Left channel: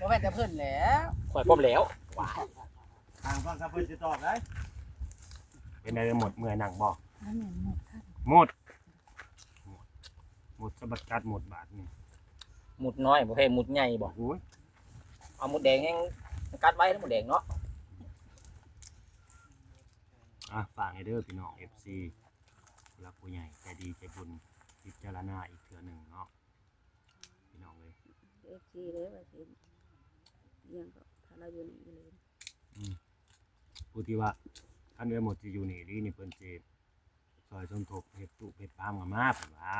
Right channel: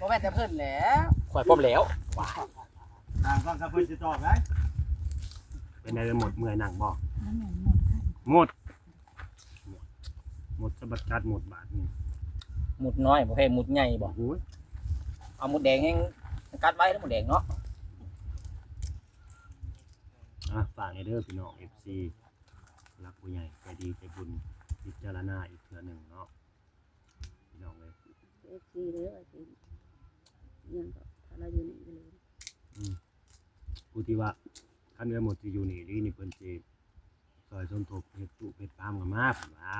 บ่แม่นแต่เพิ่นแหละ ข่อยพร้อมแล้ว ทางฟังครับเพิ่นสิตอบได้ เป็นไงหมดเมื่อยนั่งบ่ นั่นแม่นหมดค่ะ หมดสะบัดกัดหมดบาทนี่ หมุดน้อยบ่แพ้หมุดใหญ่บ่ โอ้ย เอาหมุดแดงให้กัดไว้แล้วหมุดแดงเนาะ ฝากให้เด้อพี่น้อง FC รักผู้ใหญ่ใจดีใจบุญพิจารณาอีกเทื่อหนึงเนาะพี่น้องเลย ทีเลยว่าสิยังก็ถ้าเราอยู่นี่เลย ผู้ที่ว่าท่านเอ้ยหมดที่อยู่นี่นี่เพิ่นสิซอยสมทบเฮ็ดตุเฮ็ดปามกันมาเพิ่นว่า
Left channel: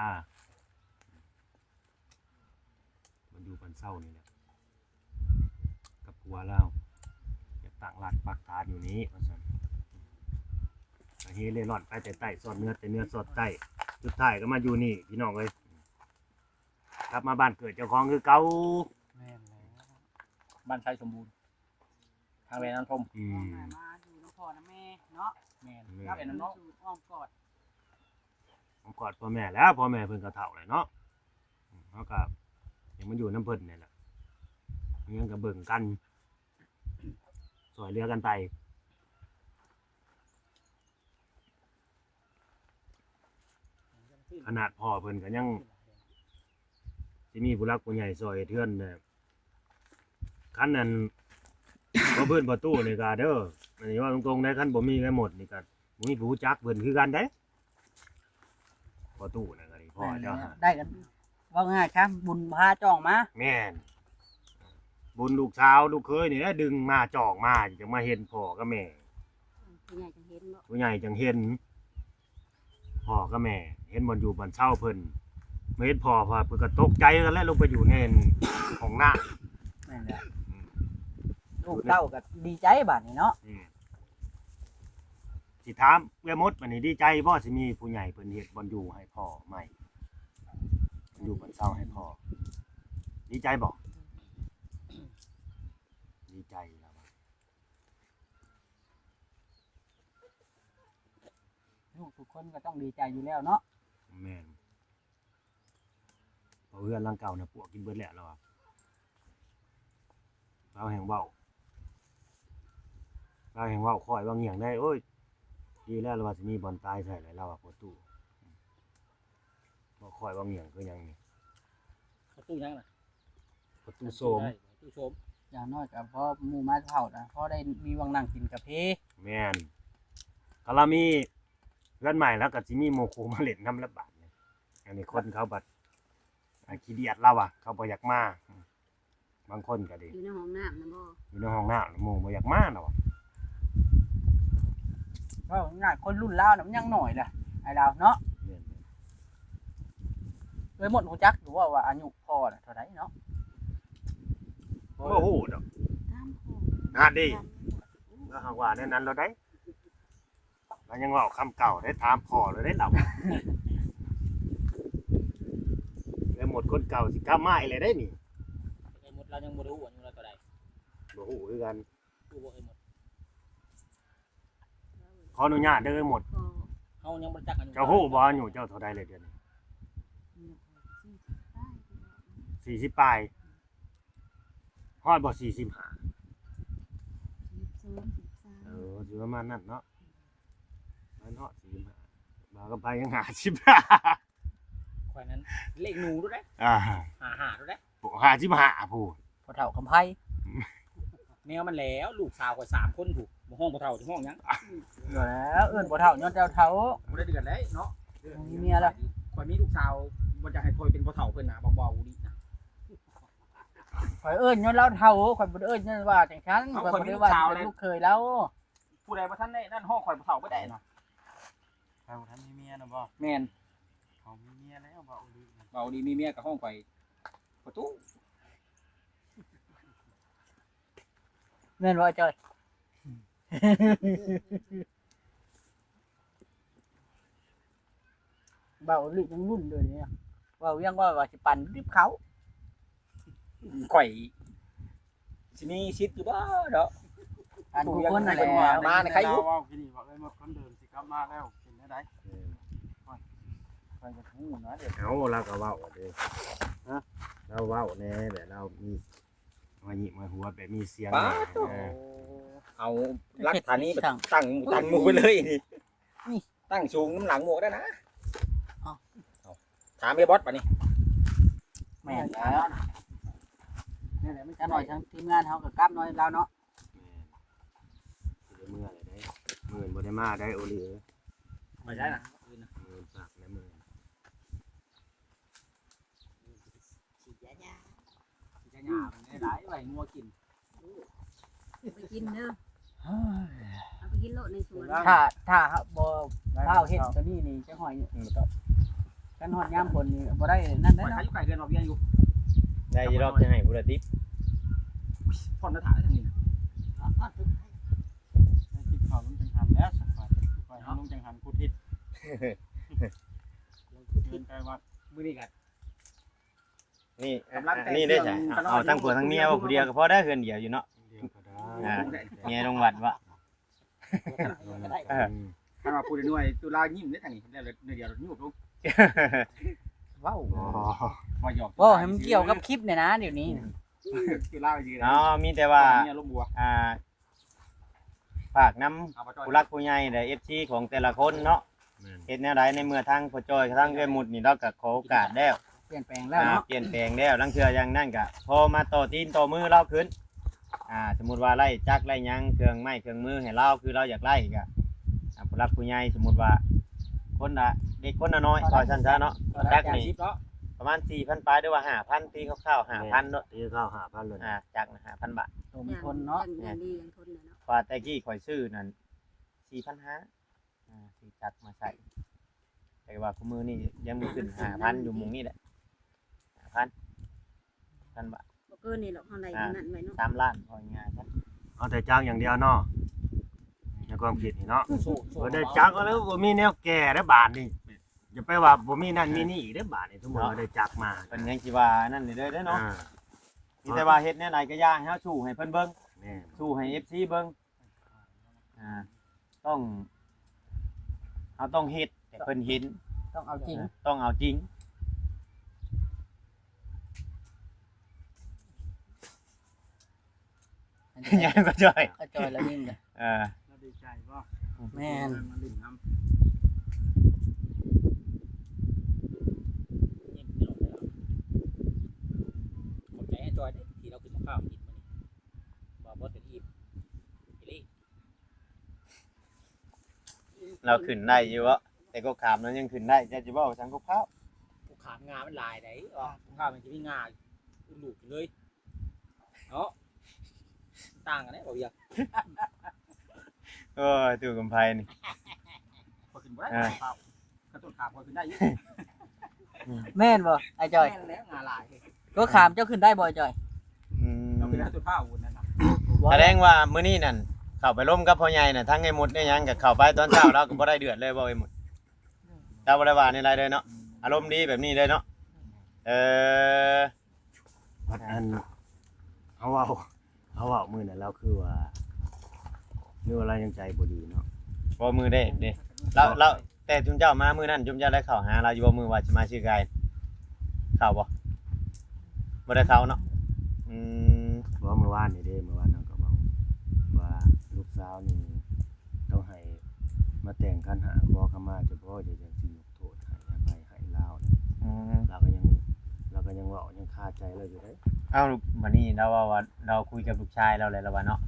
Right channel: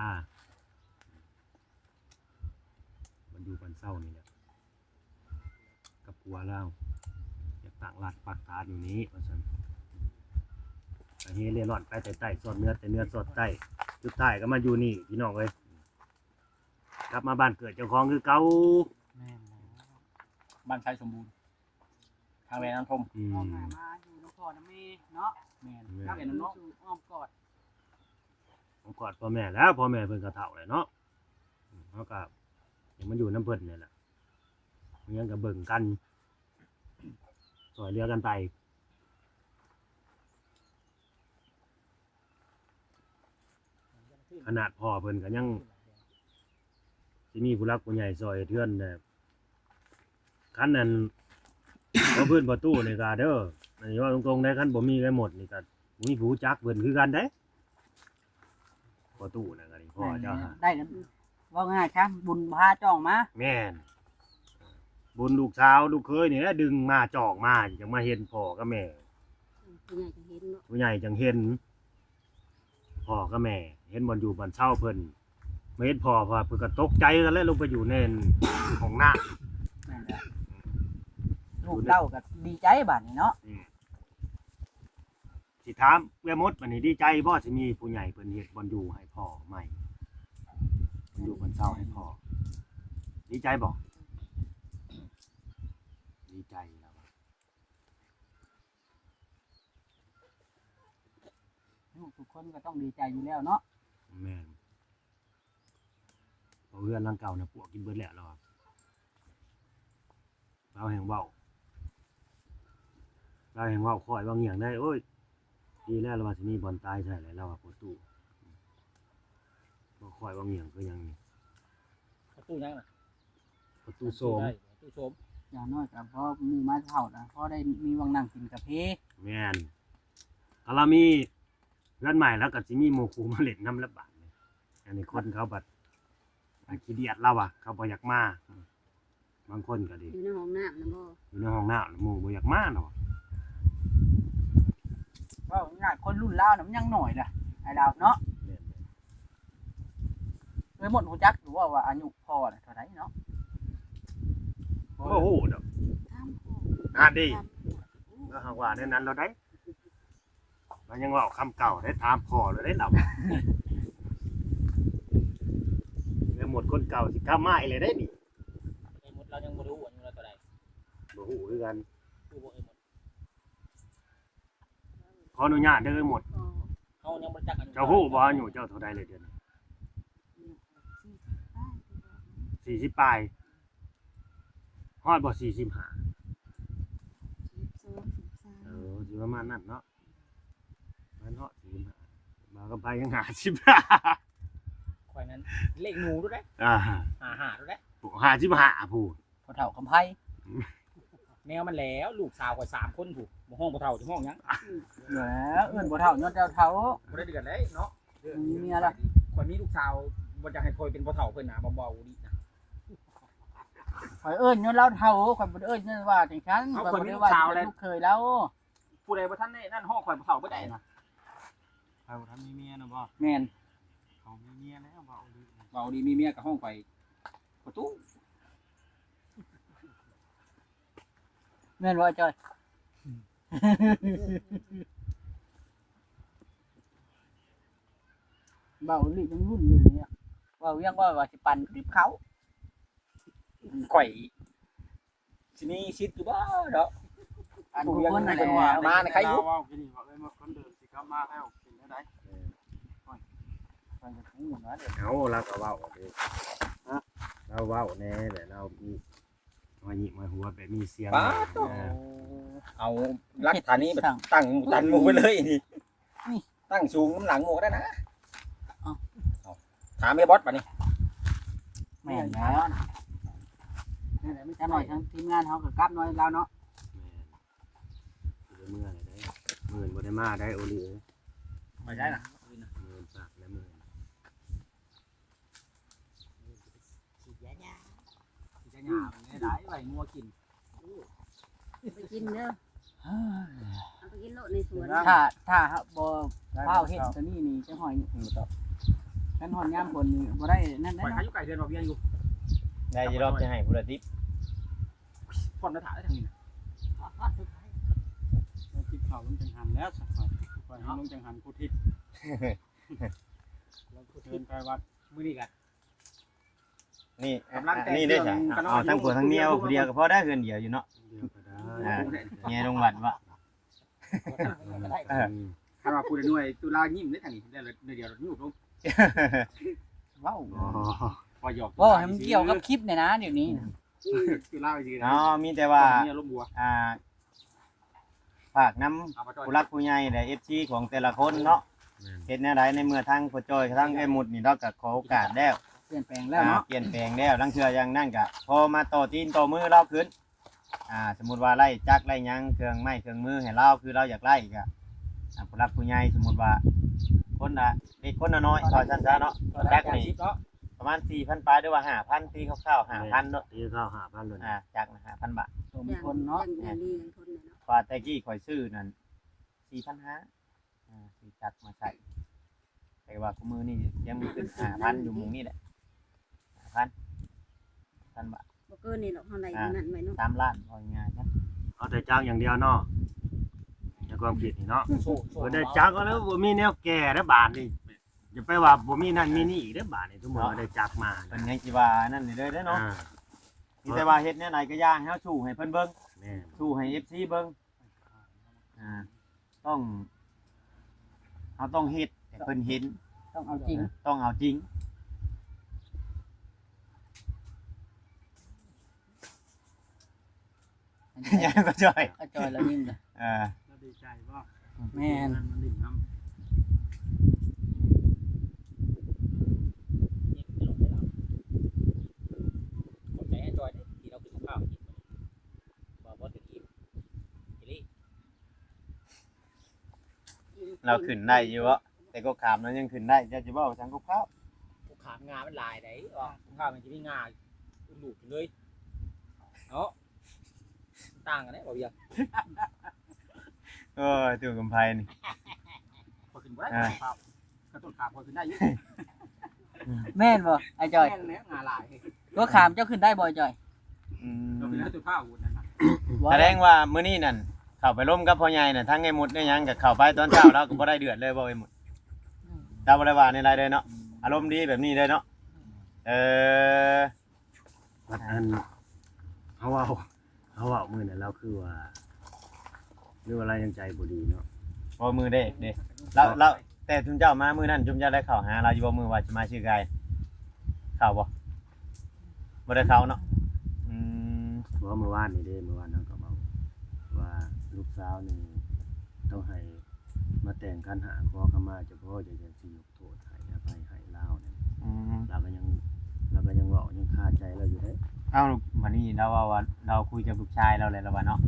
มันอยู่กันเศร้านี่แหละกับผัวเราอยากตั้งหลักปักฐานอยู่นี้ว่าซั่นไปเฮเร่ร่อนไปแต่ใต้สอดเนื้อแต่เนื้อสอดใต้สุดท้ายก็มาอยู่นี่พี่น้องเอ้ยกลับมาบ้านเกิดเจ้าของคือเก่า แม่นแล้ว บ้านไทยสมบูรณ์ทางแม่น้ำทม อื ออก ม มาอยู่นครนะแม่เนาะ แม่น แม่ กับ เป็นน้ำเนาะ สู่อ้อมกอด ผมกอดพ่อแม่แล้วพ่อแม่เพิ่นก็เฒ่าเลยเนาะเฮาก็ยังมันอยู่น้ำเพิ่นนี่แหละยังก็เบิ่งกันสอยเรือกันไปขนาดพ่อเพิ่นก็ยังสิมีผู้รักผู้ใหญ่ซอยเทือนน่ะคันนั้น บ่เพิ่นบ่ตู้นี่ก็เด้ออันนี้ว่าตรงๆได้คันบ่มีกันหมดนี่ก็บ่มีผู้รู้จักเพิ่นคือกันเด้บ่ตู้นั่นก็นี่พ่อเจ้าหา ได้กันว่าง่ายครับบุญพาจ้องมา แม่นบุญลูกสาวลูกเคยนี่แหละดึงมาจอกมาจะมาเห็นพ่อกับแม่ ผู้ใหญ่จังเห็นเนาะ ผู้ใหญ่จังเห็นพ่อกับแม่ เห็นบ่อยู่บ้านเช่าเพิ่นมาเห็นพ่อเพิ่นก็ตกใจกันแล้วลงไปอยู่ในของน้า นั่นแหละลูกเต้าก็ดีใจบัดนี้เนาะ สิถามแม่มดบัดนี้ดีใจบ่สิมีผู้ใหญ่เพิ่นเฮ็ดบ่อนอยู่ให้พ่อใหม่อยู่บ้านเช่าให้พ่อดีใจบ่ดีใจแล้ว ทุกคนก็ต้องดีใจอยู่แล้วเนาะ แม่นเพราะเพื่อนร่างเก่าน่ะปวกกินเบิดแล้วเราแห่งเว้าคอยว่าเงียงได้โอ้ยดีแล้วเราว่าสิมีบ่อนตายใส่แล้วเราว่าประตูบ่คอยว่าเงียงคือหยังนี่ ประตูยังน่ะ ประตูโสม ประตูโสม อย่างน้อยก็พอหมู่มาเฒ่านะพอได้มีวังนั่งกินกาแฟ แม่นถ้าเรามีเพื่อนใหม่แล้วก็สิมีโมคูมาเล่นน้ำละบาดนี่อันนี้คนเขาบัดขี้เดียดเราอ่ะเขาบ่อยากมาบางคนก็ดี อยู่ในห้องน้ำนะบ่ อยู่ในห้องน้ำหมู่บ่อยากมาเนาะ ว่าง่ายคนรุ่นลาวน่ะมันยังหน่อยล่ะไอ้ดาวเนาะ แม่น เอ้ยหมดหูจักอยู่ว่าอายุพ่อน่ะเท่าไหร่เนาะ ๆโอ้โหดอก ตามพ่อ น่าดี แล้วเฮาว่าแนวนั้นเราได้มันยังเว่าคำเก่าได้ตามพ่อเราได้เราแล้วหมดคนเก่าสิกลับมาอีกเลยได้นี่ ไอ้หมดเรายังบ่รู้ว่าเราเท่าใด บ่ฮู้คือกัน รู้บ่ไอ้หมด ขออนุญาตเด้อหมด เฮายังบ่รู้จักกัน เจ้าฮู้บ่อายุเจ้าเท่าใดเลยเดือนนี้ 40ปลายฮอดบ่45เออสิประมาณนั้นเนาะมันฮอด45บ่ก็ไปยัง50 ข่อยนั้นเลขหนูรู้ได้ อ่า 55รู้ได้ 55ผู้ พ่อเฒ่าคำไพ่ แนวมันแล้วลูกสาวข่อย3คนถูกบ่ห้องบ่เฒ่าจะห้องหยัง อยู่แล้วเอิ้นพ่อเฒ่าย้อนเจ้าเฒ่า บ่ได้เดือนได้เนาะ มีเมียแล้ว ข่อยมีลูกสาวบ่อยากให้ข่อยเป็นพ่อเฒ่าเพิ่นน่ะเบาๆดินะ ข่อยเอิ้นย้อนเราเฒ่าข่อยบ่ได้เอิ้นย้อนว่าจังซั่นข่อยบ่ได้ว่าลูกเคยแล้ว ผู้ใดบ่ทันได้นั่นห้องข่อยพ่อเฒ่าบ่ได้นะ เขาทำมีเมียนะบ่ แม่น เขามีเมียแล้วบ่ดี เบาดีมีเมียกับห้องข่อยประตู แม่นบ่จอยเบาลิต้องรุ่นเลยเนี่ยว่ายังว่าสิปั่นรีบเขา ข่อยสิมีชิดอยู่บ่เนาะ อันทุกคนนั่นแหละ มาในใครอยู่ ว่ากินนี่บอกเลยหมดคนเดิมสิกลับมาแล้วกินได้ไหน ข่อยจะหูเนาะเด็ก เอาเราก็เว้าเด้อเราเว้าแน่แหละเรามี มาหยิบมาหัวแบบมีเสียง ป้า เออ เอาหลักฐานนี้แบบตั้งตันหมู่ไปเลยนี่ตั้งสูงน้ำหลังหมู่ก็ได้นะเอาถามไอ้บอสป่ะนี่ แม่นแล้วนี่แหละมันจะหน่อยทั้งทีมงานเฮากับกลับหน่อยแล้วเนาะ แม่นสิได้เมื่อเลยเด้เงินบ่ได้มาได้โอเหลือ ไม่ได้นะ เงินฝากและเงิน จะหยาไม่ได้ไหลงัวกิน ไปกินเด้อเอาไปกินโลดในสวน ถ้าบ่ข้าวเฮ็ดตัวนี้นี่จะหอยกันหอนยามฝนนี่บ่ได้นั่น ไป ได้ ขาย เนาะ อยู่ไก่เดือนบ่เบี้ยอยู่ ได้ยีรอบจะให้ผู้ละติบ พ่นมาถ่ายทางนี้นะ ในทิศเขาลุงจังหันแล้วสักฝ่ายฝ่ายให้ลุงจังหันผู้ทิศเดินไกลวัด มื้อนี้กัน นี่นี่ได้จ้ะเอาทั้งผัวทั้งเมียว่าผู้เดียวก็พอได้เฮือนเดียวอยู่เนาะ เดียวก็ได้ อ่าเมียลงวัดวะ ถ้าว่าพูดหน่วยตุลายิ้มได้ทางนี้แล้วเดียวอยู่ลง ว้าว อ๋อ ว่าหยอก บ่ให้มันเกี่ยวกับคลิปเนี่ยนะเดี๋ยวนี้ ตุลายืน อ๋อมีแต่ว่า เนี่ยลมบัว ฝากน้ำผู้รักผู้ใหญ่และ FC ของแต่ละคนเนาะเฮ็ดแนวใดในเมื่อทางพ่อจ้อยทางเอ้ยหมุดนี่เราก็ขอโอกาสแล้ว เปลี่ยนแปลงแล้วเนาะ เปลี่ยนแปลงแล้วลังเทื่ออย่างนั้นก็พอมาต่อตีนต่อมือเราขึ้นสมมุติว่าไล่จักรไล่หยังเครื่องไม้เครื่องมือให้เราคือเราอยากไล่ก็ผู้รักผู้ใหญ่สมมุติว่าคนละเด็กคนละน้อยว่าซั่นซะเนาะจักนี่ประมาณ 4,000 ปลายหรือว่า 5,000 ตีคร่าวๆ 5,000เนาะ ตีข้าว5,000เลย จักนะ5,000 บาท สมคนเนาะ อย่างดีกันคนเลยเนาะ ว่าแต่กี้ข่อยซื้อนั่น 4,500สิจักมาใส่แต่ว่าคุมือนี่ยังมีขึ้น 5,000 อยู่หมุงนี่แหละ 5,000 บาท บ่เกินนี่หรอกเท่าไหร่นั่นไว้เนาะ 3 ล้านพอง่ายๆครับ เอาแต่จ้างอย่างเดียวเนาะในความคิดนี่เนาะ สู้ บ่ได้จักแล้วบ่มีแนวแก่แล้วบาทนี่อย่าไปว่าบ่มีนั่นมีนี่อีกเด้อบาทนี่สมมุติว่าได้จักมา เพิ่นยังสิว่านั่นนี่เด้อเนาะ อ่า มีแต่ว่าเฮ็ดแนวไหนก็ย่างให้เฮาสู้ให้เพิ่นเบิ่ง แม่น สู้ให้ FC เบิ่งต้องเราต้องเฮ็ดให้เพิ่นเห็น ต้องเอาจริง ต้องเอาจริง ยังก็จ่อย ก็จอยแล้วนิ่งเลย แล้วดีใจบ่ แม่น มันลิ้นน้ำ ขอบใจให้จอยได้ที่เรากินข้าวกินบ่บ่ถึงอิ่มอีลี่ เราขึ้นได้อยู่วะแต่ก็ขามเรายังขึ้นได้จะจะบอกสังกุข้าว กูขามงามันลายได้ว่าข้าวมันจะมีงาอุ่นลูกเลยเนาะต่างกันได้บ่ยัง เออตัวกำไพนี่ พอขึ้นบ่ได้ข้าวกระตุ้นขาพอขึ้นได้อยู่ แม่นบ่ไอ้จอย แม่นแล้วงาลาย ก็ขามเจ้าขึ้นได้บ่ไอ้จอย เราขึ้นได้ตัวข้าวอุ่นนั่นน่ะ แสดงว่ามื้อนี้นั่นเข้าไปร่มกับพ่อใหญ่น่ะทั้งไอ้หมุดได้หยังก็เข้าไปตอนเช้าเราก็บ่ได้เดือดเลยบ่ไอ้หมุดเจ้าบ่ได้ว่าในไรเลยเนาะอารมณ์ดีแบบนี้เลยเนาะวัดอันเขาเอามื้อนั้นเราคือว่าเรื่องอะไรยังใจบ่ดีเนาะ บ่มือเด้เราแต่จุมเจ้ามามื้อนั้นจุมเจ้าได้เข้าหาเราอยู่บ่มือว่าสิมาชื่อไกเข้าบ่ได้เข้าเนาะ เพราะเมื่อวานนี่เด้เมื่อวานเราก็บอกว่าลูกสาวนี่ต้องให้มาแต่งคันหาพ่อเข้ามาเฉพาะจะจังสิยกโทษให้อภัยให้ลาวเนี่ยเราก็ยังเว้ายังคาใจเราอยู่เด้ เอ้าวันนี้เราว่าเราคุยกับลูกชายเราเลยแล้วว่าเนาะ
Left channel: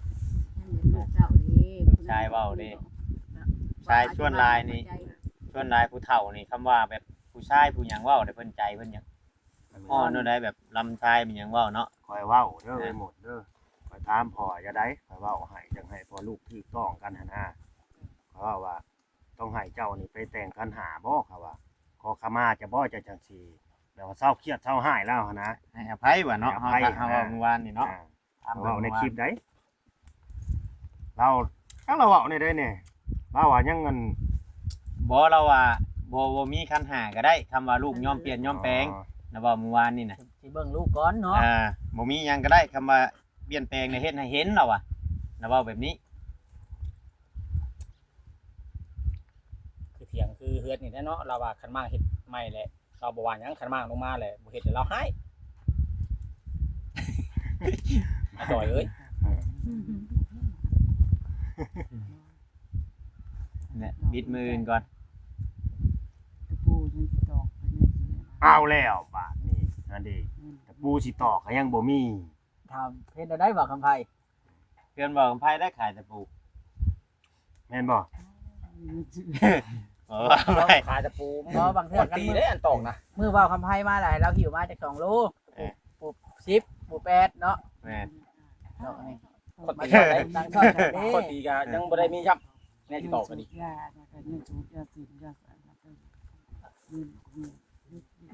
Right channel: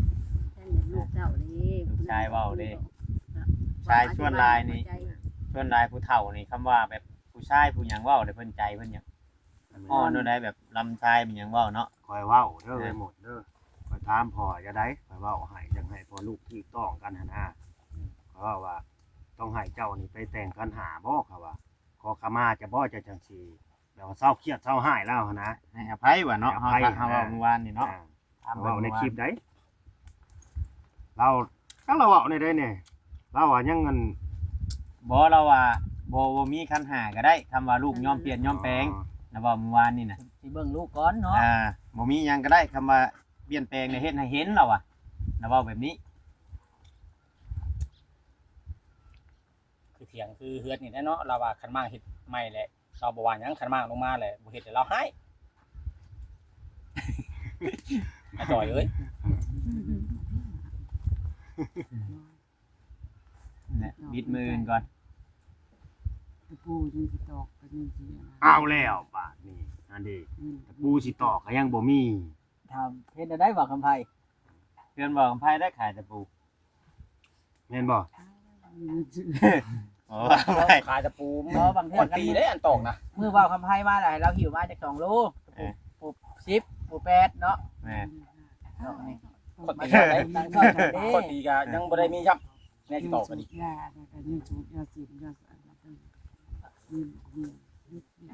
ท่านลูกเจ้านี่ ชายเว้าเด้ ชายชวนลายนี่ชวนลายผู้เฒ่านี่คำว่าแบบผู้ชายผู้หยังเว้าได้เพิ่นใจเพิ่นหยังอ่อนได้แบบลำชายเป็นหยังเว้าเนาะ คอยเว้าเด้อไปหมดเด้อคอยถามพ่อจะได้คอยเว้าให้จังให้พ่อลูกถูกต้องกันหั่นนะเพราะว่าต้องให้เจ้านี่ไปแต่งกันหาบ่เขาว่าขอขมาจะบ่จะจังซี่แบบว่าเศร้าเครียดเศร้าหายแล้วหั่นนะ ให้อภัยว่าเนาะ ให้อภัย เฮาว่าเมื่อวานนี่เนาะ เว้าในคลิปได้เราเว้าในได้เนี่ยเราว่ายังเงิน บ่เราว่าบ่มีคันหาก็ได้คำว่าลูกยอมเปลี่ยนยอมแปลงนะว่าเมื่อวานนี่น่ะ สิเบิ่งลูกก่อนเนาะ บ่มีหยังก็ได้คำว่าเปลี่ยนแปลงในเฮ็ดให้เห็นเราอ่ะนะว่าแบบนี้ คือเถียงคือเฮือดนี่แท้เนาะเราว่าคันมากเฮ็ดใหม่แหละเราบ่ว่าหยังคันมากลงมาแหละบ่เฮ็ดให้เราให้ อาจอยเอ้ย เนี่ยบิดมือก่อน ตะปูยังสิตอกกันยังสิ เอาแล้วบาดนี่นั่นดิตะปูสิตอกก็ยังบ่มี ทำเฮ็ดได้บ่คำไผ เพื่อนบอกคำไพ่ได้ขายตะปู แม่นบ่ อ๋อไม่ ขายตะปู บ่บางเทื่ ก่ อ อน กัน ตี มือ ได้อันตอกนะ มือเว้าคำไผมาแล้วให้เราหิวมาจาก2โลปู10ปู8เนาะ แม่ ดอกนี่ คนตี ได้ ได้ ตังค์ชอบกันเด้ คนตีก็ยังบ่ได้มีครับแน่สิตอกก็ดี ยาแล้วก็ยังสูบยาสียาสารพัดยืน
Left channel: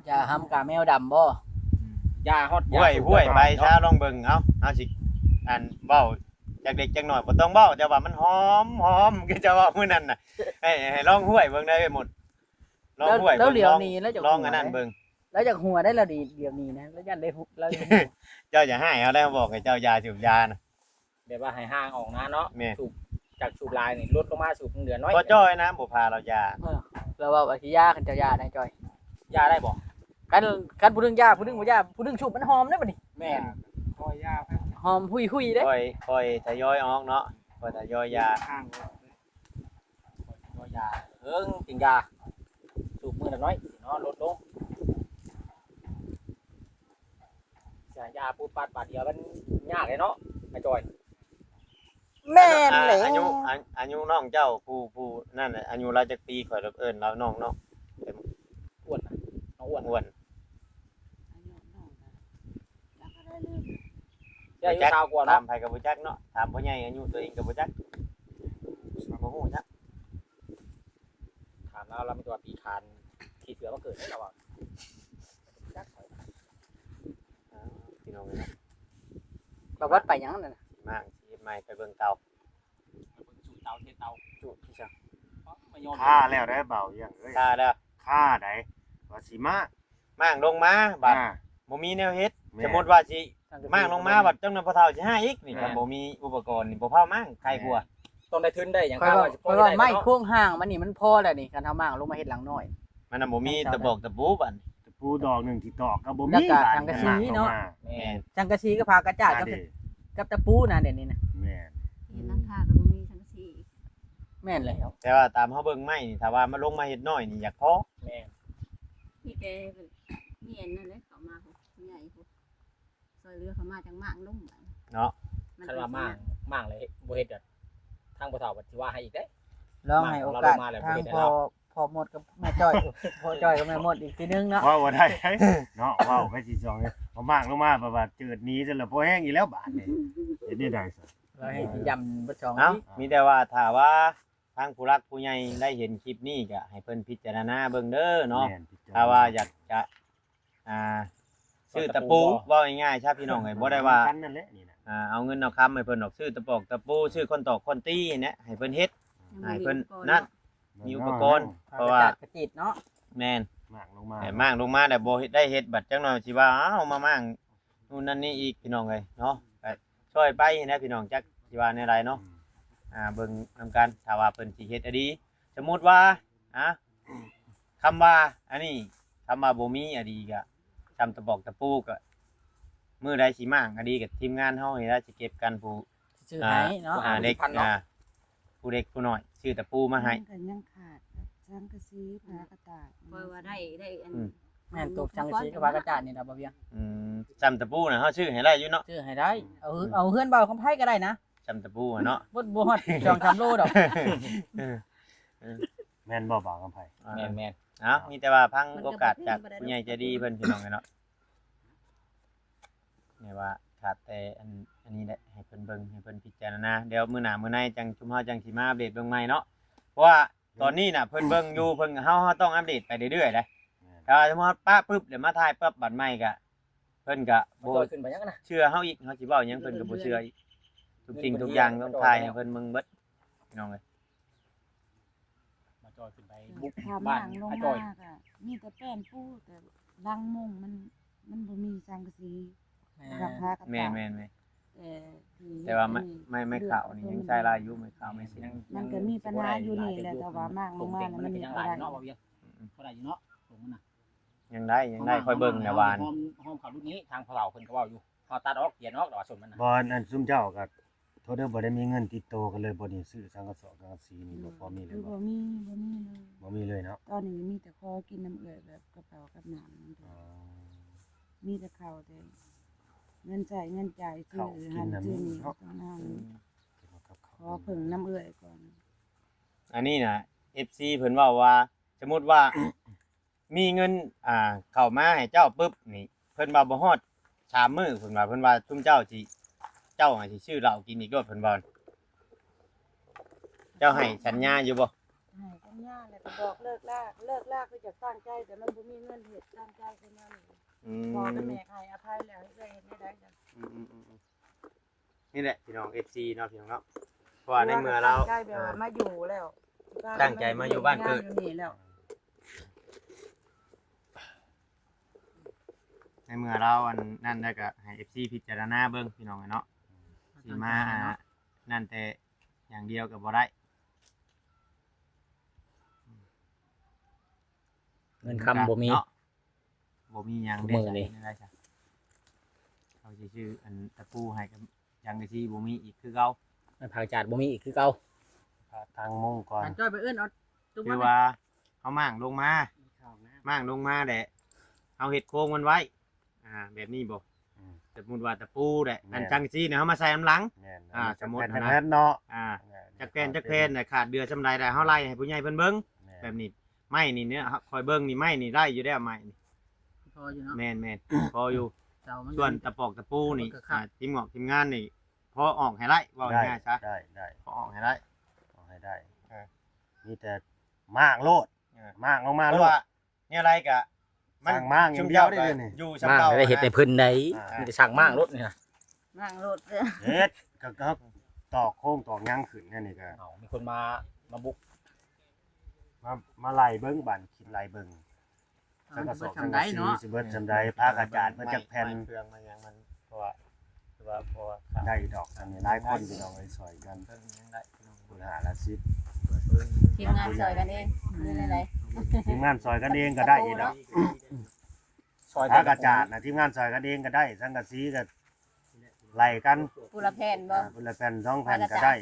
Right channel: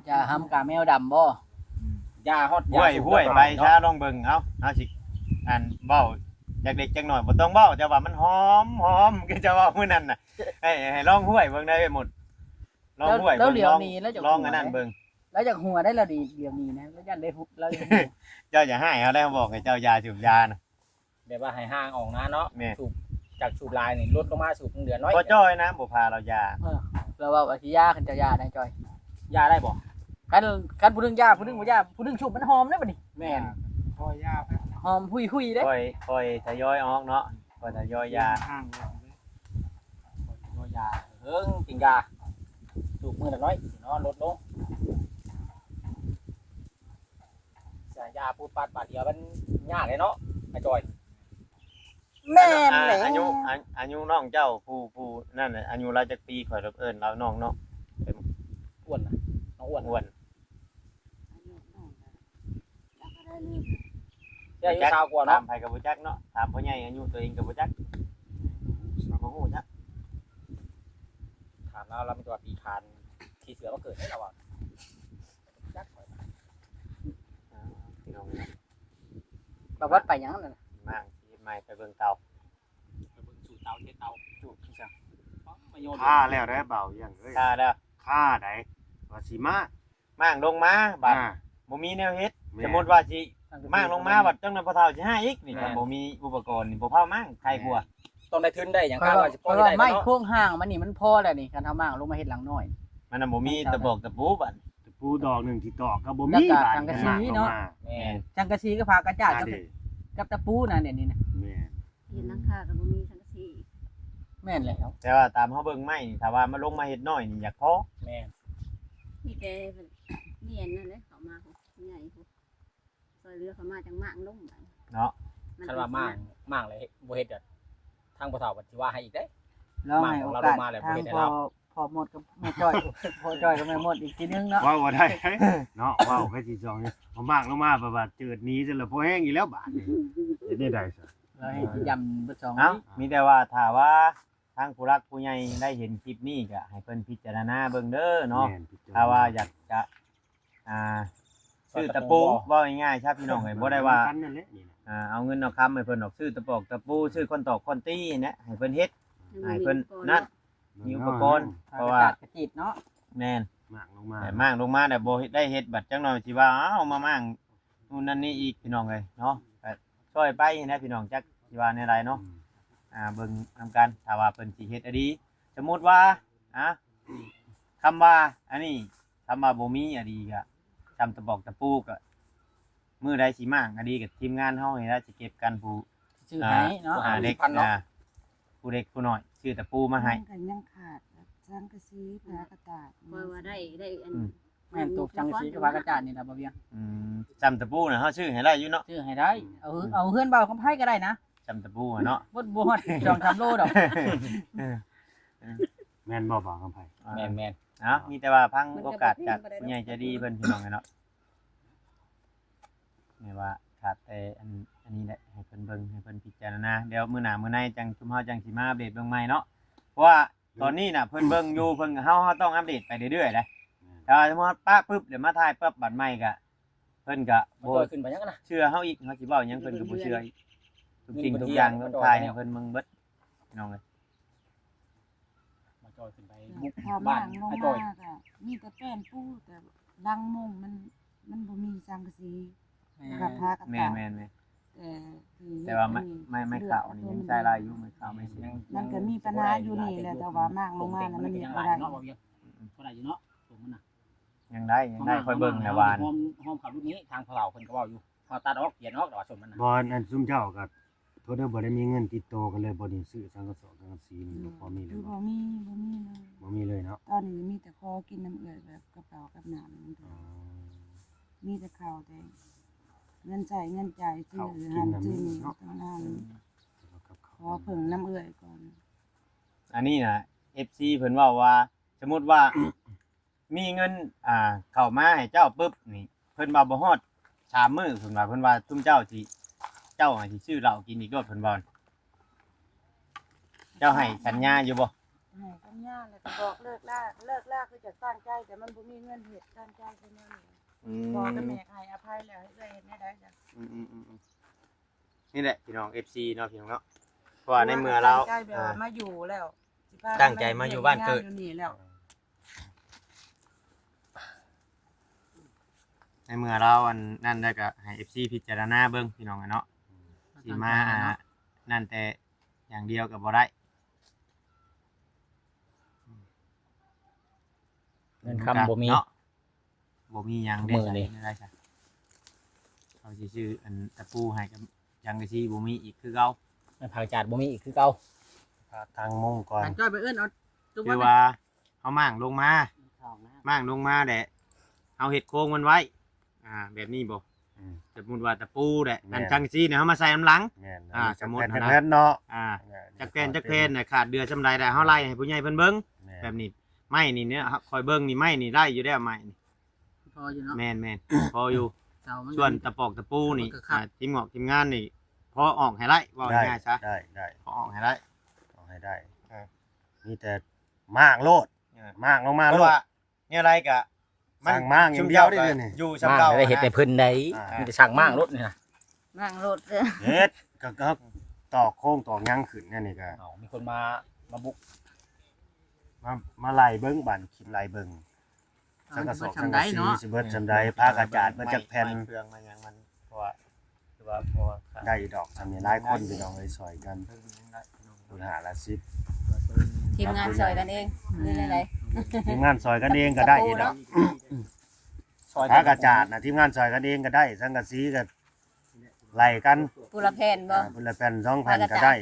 จะห้ำกาแมวดำบ่ ยาฮอด ห้วย สูบ ห้วย แล้ว ไป เนาะ ช้าลองเบิ่งเอาสิอันเบ้าจากเด็กจักหน่อยบ่ต้องเบ้าแต่ว่ามันหอมก็จะว่ามื้อนั้นน่ะให้ลองห้วยเบิ่งได้ไปหมดลองห้วย แล้วเหลียว ลอง นี้แล้วจะ ลองอันนั้นเบิ่ง แล้วจากหัวได้แล้วดีเหลียวนี้นะแล้วยันได้หุบแล้ว เจ้าอย่าให้เขาได้บอกให้เจ้ายาสูบยาน่ะ แบบว่าให้ห่างออกนะเนาะ แม่ สูบจากสูบลายนี่ลดลงมาสูบเหลือน้อย บ่จ้อยนะบ่พาเรายา แล้วว่าสิยาคันจะยาได้จอย ยาได้บ่ กันผู้นึงยาผู้นึงบ่ยาผู้นึงชุบมันหอมได้บ่นี่ แม่น คอยยาหอมหุยๆเด้ ค่อยทยอยออกเนาะค่อยทยอยยา ห่างยาจริงยาสูบมือละน้อยเนาะลดลงเสียยาปูดปัดบาดเดียวมันยากเลยเนาะไอ้จอย แม่นเลย อายุน้องเจ้าผู้นั่นน่ะอายุเราจักปีข่อยเอิ้นเราน้องเนาะ อ้วนนะน้องอ้วน อ้วน ได้อายุชาวกว่า ถา เนาะ มไผก็บ่จักเนาะถามพ่อใหญ่อายุตัวเองก็บ่จักบ่ฮู้จัก ถามเราเป็นตัวปีคานที่เสือมาเกิดให้เราอ่ะจักเขา พี่น้องเนาะ บ่วัดไปหยังนั่น มากสิใหม่ไปเบิ่งเตา สูบเตาเทเตา จุพี่จัง ค่าแล้วได้เบาอย่างเอ้ย ตาเด้อ ค่าใดว่าสิมา ม่างลงมาบัดบ่มีแนวเฮ็ดสมมุติว่าสิม่างลงมาบัดจังนั้นพ่อเฒ่าสิหาอีกนี่ก็บ่มีอุปกรณ์นี่บ่พาม่างใครกลัว ต้องได้ทุนได้อย่าง เพ ข้า ราะ ง ว่า ว่าจะ เพ ปล่อย ราะว่า ได้ ไม้ เนาะ โค้งห่างมันนี่มันพอแล้วนี่คันทำมากลงมาเฮ็ดหลังน้อย มันน่ะบ่มีตะบอกตะปูบัด ตะปูดอกหนึงที่ตอกก็บ่ แล้ว มี ก็ บาด สังกะสีเนาะ แม่ จังกะสีก็พากระจาด อ่า กับ เด้ กับตะปูนะเดี๋ยวนี้นะ แม่น เห็นหลังคากับบ่มีสังกะสี แม่นแล้ว แต่ว่าตามเฮาเบิ่งไม้นี่ถ้าว่ามันลงมาเฮ็ดน้อยนี่อยากพอ แม่ พี่แต่เรียนนั่นแหละเขามาเขาใหญ่เขาซอยเรือเขามาจังมากลง เนาะ คันว่ามั่างเลยบ่เฮ็ดอะทางบ่เฒ่าบัดสิว่าให้อีกเด้ ลองให้โอกาสทางพอหมดกับแม่จ้อยพอจ้อยกับแม่หมดอีกทีนึงเนาะ เว้าบ่ได้เนาะเว้าไปสิจองเนี่ยเอามากลงมาประวัติเจิดหนี้ซะแล้วพอแห้งอีกแล้วบาดนี่เฮ็ดได้ได้ซะ แล้วให้สิยำบ่ช่อง เอ้า นี้ มีแต่ว่าถ้าว่าทางผู้รักผู้ใหญ่ได้เห็นคลิปนี้ก็ให้เพิ่นพิจารณาเบิ่งเด้อเนาะ แม่พิจรณ ถ้าว่าอยากจะซื้อตะปูว่าง่ายๆครับพี่น้องเอ้ยบ่ได้ว่า กันนั่นแหละนี่นะ เอาเงินเอาคำให้เพิ่นออกซื้อตะปอกตะปูซื้อคนตอกคนตีเนี่ยให้เพิ่นเฮ็ด ให้เพิ่นนั่น มีอุปกรณ์ เพราะว่า กระจิตเนาะ แม่น มากลงมา แต่มั่งลงมาแต่บ่เฮ็ดได้เฮ็ดบัดจังหน่อยสิว่าเอามามั่งนู่นนั่นนี่อีกพี่น้องเอ้ยเนาะก็ช่วยไปนะพี่น้องจักสิว่าในไรเนาะเบิ่งนำกันถ้าว่าเพิ่นสิเฮ็ดอะดี สมมุติว่าคำว่าอันนี้คำว่าบ่มีอะดีก็จำตะบอกตะปูก็มื้อใดสิมั่งอะดีกับทีมงานเฮานี่ล่ะสิเก็บกันผู้ ชื่อให้เนาะ เด็กผู้เด็กผู้น้อยชื่อตะปูมาให้ ก็ยังขาดสังกะสีพากระตาดว่าได้อัน แม่นตกจังสีกับพากระจาดนี่ล่ะบ่เพียง จำตะปูน่ะเฮาชื่อให้ได้อยู่เนาะ ชื่อให้ได้เอาเฮือนเบาคำไผก็ได้นะ จำตะปูอะเนาะ บ่ฮอด2-3โลดอก แม่นบ่บ่าวกำไผ แม่น มีแต่ว่าพังโอกาสจากผู้ใหญ่ใจดีเพิ่นพี่น้องกันเนาะแม่ว่าขาดแต่อันนี้แหละให้เพิ่นเบิ่งให้เพิ่นพิจารณาเดี๋ยวมื้อหน้ามื้อในจังชุมเฮาจังสิมาอัปเดตเบิ่งใหม่เนาะเพราะว่าตอนนี้น่ะเพิ่นเบิ่งอยู่เพิ่นเฮาต้องอัปเดตไปเรื่อยๆนะถ้าสมมุติป้าปึ๊บเดี๋ยวมาถ่ายปั๊บบัดใหม่ก็เพิ่นก็ มัน บ่ ต่อยขึ้นไปยังนะ เชื่อเฮาอีกเฮาสิเว้าหยังเพิ่นก็บ่เชื่ออีกทุกสิ่งทุกอย่างต้องถ่ายให้เพิ่นเบิ่งเบิดพี่น้องเอ้ย มาต่อยขึ้นไป บุกพา บ้า มาน งลง ไอ้ มา ต่อย ก็มีแต่แป้นปูแต่ดังมุงมันบ่มีสังกะสีกับพากระ แม่ ตาด แม่น แต่ ว่าไม่ข่าวนี่ยังใช้ลายอยู่ไม่ข่าวไม่เสียง มันก็มีปัญหาอยู่นี่แหละแต่ว่ามากลงมาแล้วมันบ่ได้ เนาะบ่เพียงเท่าไหร่อยู่เนาะผมมันน่ะ ยังได้ค่อยเบิ่งนะวาน ห้องขับรุ่นนี้ทางพวกเราเพิ่นก็เว้าอยู่ พอตัดออกเขียนออกดอกสมมันน่ะ บ่อันซุมเจ้าก็โทษเด้อบ่ได้มีเงินติดตัวกันเลยบ่ได้ซื้อสังกะสอบสังกะสีนี่บ่พอมีเลย คือ บ่ บ่มีเลยบ่มีเลยเนาะ ตอนนี้มีแต่คอกินน้ำเอื้อยแบบกระเป๋ากับน้ำนั่นเถ อ๋อ อะมีแต่ข้าวแต่เงินใช้เงินจ่ายซื้อหันซื้อนี่ต้องหน้าเลยขอเพิ่งน้ำเอื้อยก่อน อันนี้น่ะ FC เพิ่นเว้าว่าสมมุติว่า มีเงินเข้ามาให้เจ้าปึ๊บนี่เพิ่นว่าบ่ฮอด3มื้อเพิ่นว่าซุมเจ้าสิชื่อเหล้ากินอีกรอบเพิ่นว่าเจ้าให้สัญญาอยู่บ่ ให้สัญญาแล้วก็บอกเลิกลากคือจะตั้งใจแต่มันบ่มีเงินเฮ็ดตั้งใจขึ้นมานี่พอกับแม่ให้อภัยแล้วให้เอื้อยเฮ็ดได้จ้ะ นี่แหละพี่น้อง FC เนาะพี่น้องเนาะเพราะว่าในเมื่อเรา ตั้งใจแบบว่ามาอยู่แล้วสิพา ตั้งใจมาอยู่บ้านเกิด อยู่นี่แล้ว ในเมื่อเราอันนั่นได้ก็ให้ FC พิจารณาเบิ่งพี่น้องอะเนาะสิมานั่นแต่อย่างเดียวก็บ่ได้ เงินคำบ่มี เนาะบ่มีหยัง มื้อนี้ ได้จ้ะเขาสิชื่ออันตะปูให้กับยังก็สิบ่มีอีกคือเก่า มันผักจาดบ่มีอีกคือเก่า ทางมุ่งก่อน อันจ้อยไปเอิ้นเอาตุ๊บ คือ มา ว่าเฮามั่างลงมามั่างลงมาแหละเอาเฮ็ดโครงมันไว้แบบนี้บ่ อืม สมมุติว่าตะปูแหละ แม่น อันจังซี่เนี่ยเฮามาใส่น้ำหลัง แม่น สมมุติ จัก นะ แผ่นเนาะ จักแพนน่ะขาดเดือซำใดได้เฮาไล่ให้ผู้ใหญ่เพิ่นเบิ่ง แม่น แบบนี้ไม้นี่เนี่ยครับคอยเบิ่งนี่ไม้นี่ได้อยู่แล้วไม้นี่ พออยู่เนาะ แม่นพออยู่ เสามัน ส่วนตะปอกตะปูนี่ มันก็ขาด ทีมงานนี่พอออกให้ไล่ว่า ได้ ง่ายๆซะ ได้ พอออกให้ไล่ เอาให้ได้ เออ มีแต่มากโลด เออ มากลงมา เพ โล ราะ ด ว่าเนี่ยอะไรกะ สั่งมากอย่างเดียวได้เลยนี่ อยู่ มาก สำเก่า ได้เฮ็ดแต่เพิ่นได้ อ่ามี มีแต่ช่างมากรถนี่นะ นั่งรถเด้อ เฮ็ดก็ต่อโค้งต่อยังขึ้นเนี่ยนี่ก็ เอามีคนมาบุก มาไล่เบิ่งบันคิดไล่เบิ่งสังกะสอบสังกะสีสิเบิดจำได้ผ้ากระจาดมาจากแผ่น ไม้เครื่องมันยังมันเพราะว่าคือว่าพอขา ได้ดอกทำนี่หลายคนพี่น้องไว้ซอยกัน เพิ่นยังได้พี่น้อง คุณหาละสิบ ทีมงานซอยกันเองหรืออะไร ทีมงานซอยกันเองก็ได้อีกดอก ซอย ผ้ากระจาดนะทีมงานซอยกันเองก็ได้สังกะสีก็ไล่กัน ปุระแผ่นบ่ คนละแผ่น2แผ่นก็ได้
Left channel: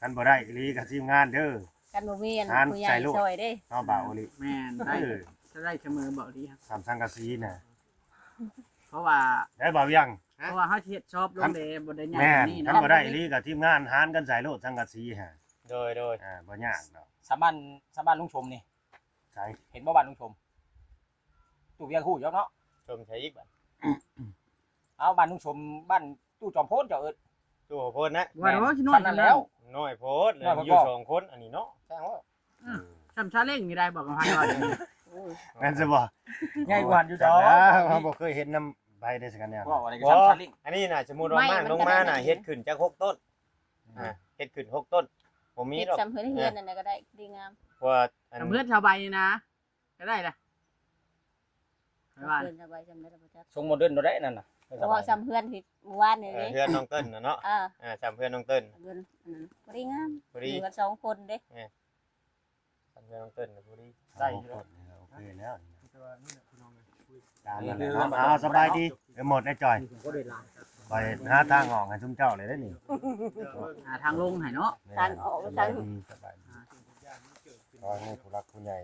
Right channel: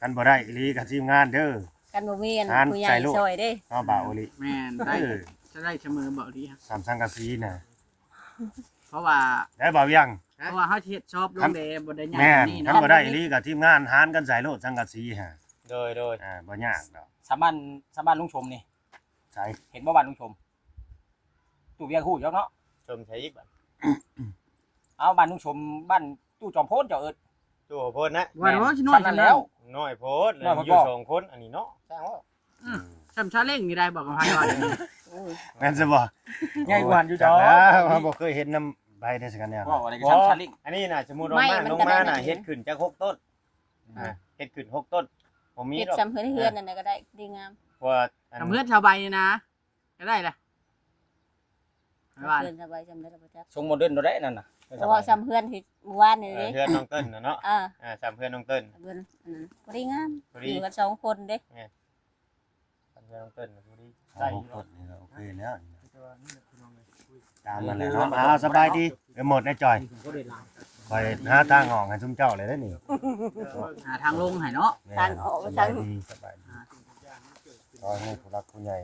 กันบ่ได้อีหลีกับทีมงานเด้อ กันบ่มีอัน อ่าน ผู้ใหญ่ ใส่ลูก ซอยเด้ เนาะบ่าวอีหลี แม่นได้ เออ จะได้เสมอบอกดีครับ สามสังกะสีน่ะ เพราะว่า ได้บ่าวยัง เพราะว่าเฮาสิเฮ็ดชอบลงเดบ่ได้ใหญ่ แม่น นี่ คัน เนาะ บ่ได้อีหลีกับทีมงานหารกันใส่โลดสังกะสีฮะ โดย บ่ยากดอก สาบ้านลุงชมนี่ ใช่ เห็นบ่บ้านลุงชมตู้เวียงฮู้จักเนาะ ชมใช้อีกบัด เอาบ้านลุงชมบ้านตู้จอมโพนเจ้าเอิ้น ตัวโพดนะ ว่าเนาะสิน้อย นั่ จั น ง แล้ แล้ว ว น้อยโพดเลย น้อยโพด อยู่สองคนอันนี้เนาะสร้างว่า ซ้ำชาเล้งนี่ได้บอกกับไผว่า โอ้ย แม่นสิบ่ ง่ายกว่าอยู่ด จั อก ก แล้วเราบ่เคยเห็นน้ำใบได้สักอันเนี่ย ว่าอะไรก็ บ่ ซ้ำชาลิง อันนี้น่ะสมมุติว่ามั่างลงมาน่ะเฮ็ดขึ้นจาก6ต้นเฮ็ดขึ้น6ต้นผมมี เฮ็ด ดอก ซ้ำเพิ่นเฮือนนั่นน่ะก็ได้ดีงาม เพราะว่าอัน กับเพื่อนชาวใบนี่นะ ก็ได้ล่ะไม่ว่า เพื่อนสบายจำได้แล้วบ่จัก ทรงโมเดิร์นโดได้นั่นน่ะ เพราะว่าซ้ำเพื่อนที่เมื่อวานนี่เด้ เพื่อนน้องเติ้ลน่ะเนาะ ซ้ำเพื่อนน้องเติ้ล เพื่อนอันนั้นบ่ได้งาม พอดี อยู่กันสองคนเด้ ซ้ำเพื่อนน้องเติ้ลน่ะพอดีได้อยู่ ก เนาะ ดนี่ก็โอเคแล้ว แต่ว่านี่แหละพี่น้องเอ้ยคุย ตามนั่นแหละเนาะเอาสบายดีเดี๋ยวหมดได้จ่อย ก็ได้ลาย ไปหาทางออกให้ซุมเจ้าเลยได้อนี่ หาทางลงให้เนาะ แม่นสบายดีสบายดีขอให้ผู้รักผู้ใหญ่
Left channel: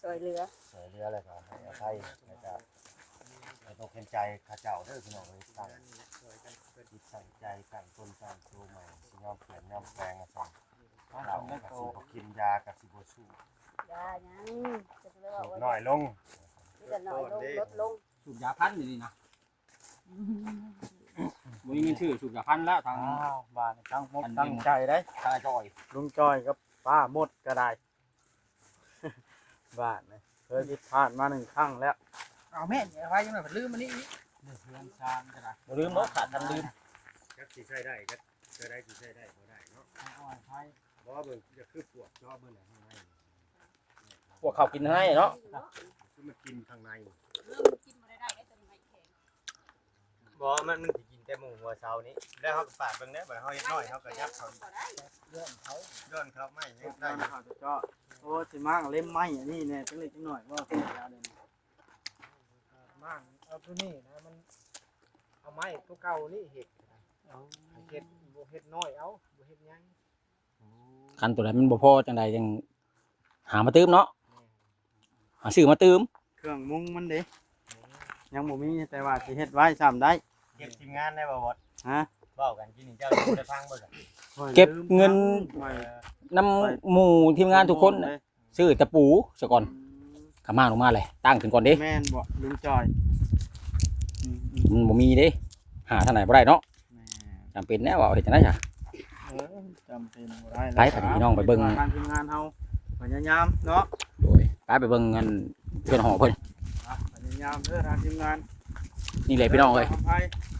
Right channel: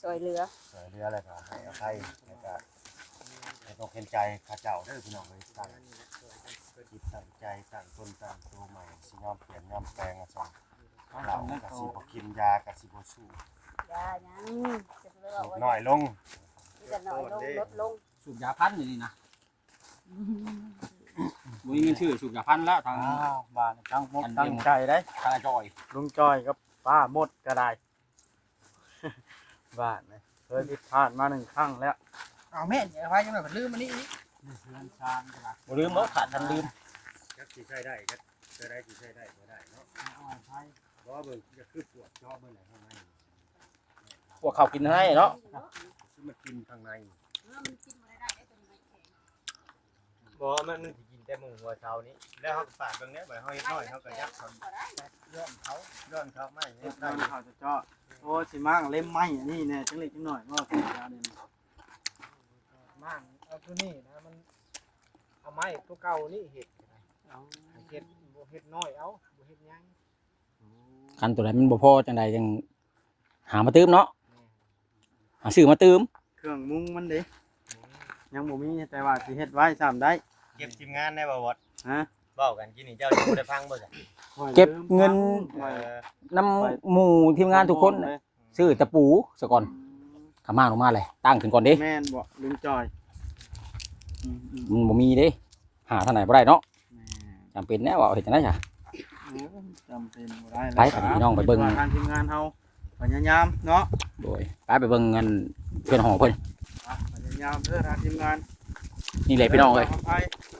ซอยเรือ ช่วยเหลืออะไรก็ให้อภัยแล้วก็ให้ต้องเห็นใจข้าเจ้าเด้อพี่น้องเอ้ยตั้งจิตตั้งใจตั้งตนตั้งตัวใหม่สิยอมเปลี่ยนยอมแปลงอะซั่นเราก็สิบ่กินยาก็สิบ่สู้ ยาหยังจะไปบอกว่า น้อยลง จะน้อยลงลดลง สูบยาพันอยู่นี่นะบ่มีเงินชื่อสูบยาพันแล้วทาง บ้านตั้งมกตั้งใจได้ กาจอย ลุงจอยกับป้าหมดก็ได้ บ้านเลยเคยผิดพลาดมา1ครั้งแล้ว เอาแม่นอย่าไผจังได๋ลืมอันนี้อีก เพื่อนชานก็ได้ บ่ลืมเนาะขาดทันลืม จักสิใช้ได้ก็ใช้ได้สิใช้ได้บ่ได้เนาะ อ่อนไผ บ่เบิ่งจะคือปวดจอเบิ่งข้างใน พวกเขากินให้เนาะ คือมากินข้างใน บ่มันสิกินแต่หมูหัวเช้านี้แล้วเฮาก็ปาดเบิ่งแหน่บัดเฮาเฮ็ดน้อยเฮาก็ยับเขาเลื่อนเขาไม่ได้อยู่ เขาจะเจาะโอ้สิมั่งเล่มไม้อันนี้แน่จังเล็กจังน้อยว่าเพิ่นเอาเนี่ย มั่งเอาตัวนี้นะมัน เอาไม้ตัวเก่านี่เฮ็ดเฮ็ดบ่เฮ็ดน้อยเอาบ่เฮ็ดหยัง คันตัวไหนมันบ่พอจังใดจังหามาตื้มเนาะหาซื้อมาตื้ม เครื่องมุงมันเด้ยังบ่มีแต่ว่าสิเฮ็ดไว้ซ้ำได้เก็บทีมงานได้บ่บอดฮะเว้ากันกินนี่เจ้ายังบ่ได้ฟังบ่จ้ะ เก็บเงินน้ำหมู่ทีมงานทุกคนน่ะซื้อตะปูซะก่อนขามาลงมาเลยตั้งขึ้นก่อนเด้ แม่นบ่ลุงจอย มันบ่มีเด้หาทางไหนบ่ได้เนาะจำเป็นแน่ว่าเอาเฮ็ดจังได๋จ้ะ จำเป็นบ่ได้ ไปกับพี่น้องไปเบิ่ง ทางทีมงานเฮาพยายามเนาะ โดยไปเบิ่งเงินเพื่อนหอเพิ่น พยายามเด้อทางทีมงาน นี่เลยพี่น้องเลย ไป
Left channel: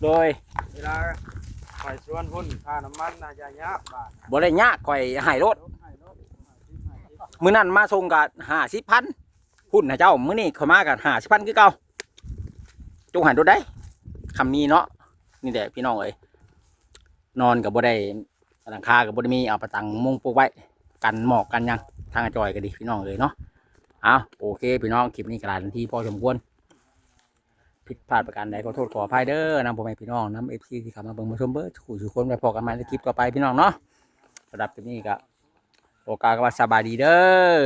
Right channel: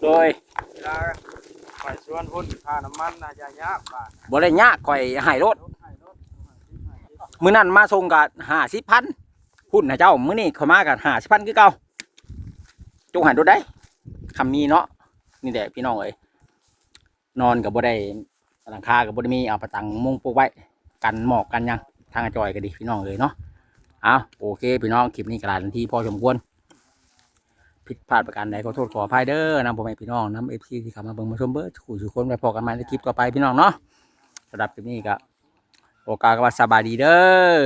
โดย เวลาไปสวนพุ่นค่าน้ำมันน่าจะยากบาท บ่ได้ยากข่อยให้รถมื้อนั้นมาส่งก็50,000พุ่นให้เจ้ามื้อนี้ข่อยมาก็50,000คือเก่าจงหันรถได้คำมีเนาะนี่แหละพี่น้องเอ้ยนอนก็บ่ได้หลังคาก็บ่ได้มีเอาประตังมุงปลูกไว้กันหมอกกันหยังทางจอยก็ดีพี่น้องเอ้ยเนาะเอาโอเคพี่น้องคลิปนี้ก็หลายนาทีพอสมควรผิดพลาดประการใดขอโทษขออภัยเด้อนำพ่อแม่พี่น้องนำ FC ที่เข้ามาเบิ่งมาชมเบิดทุกคนไปพอกันใหม่ในคลิปต่อไปพี่น้องเนาะสำหรับคลิปนี้ก็โอกาสก็ว่าสบายดีเด้อ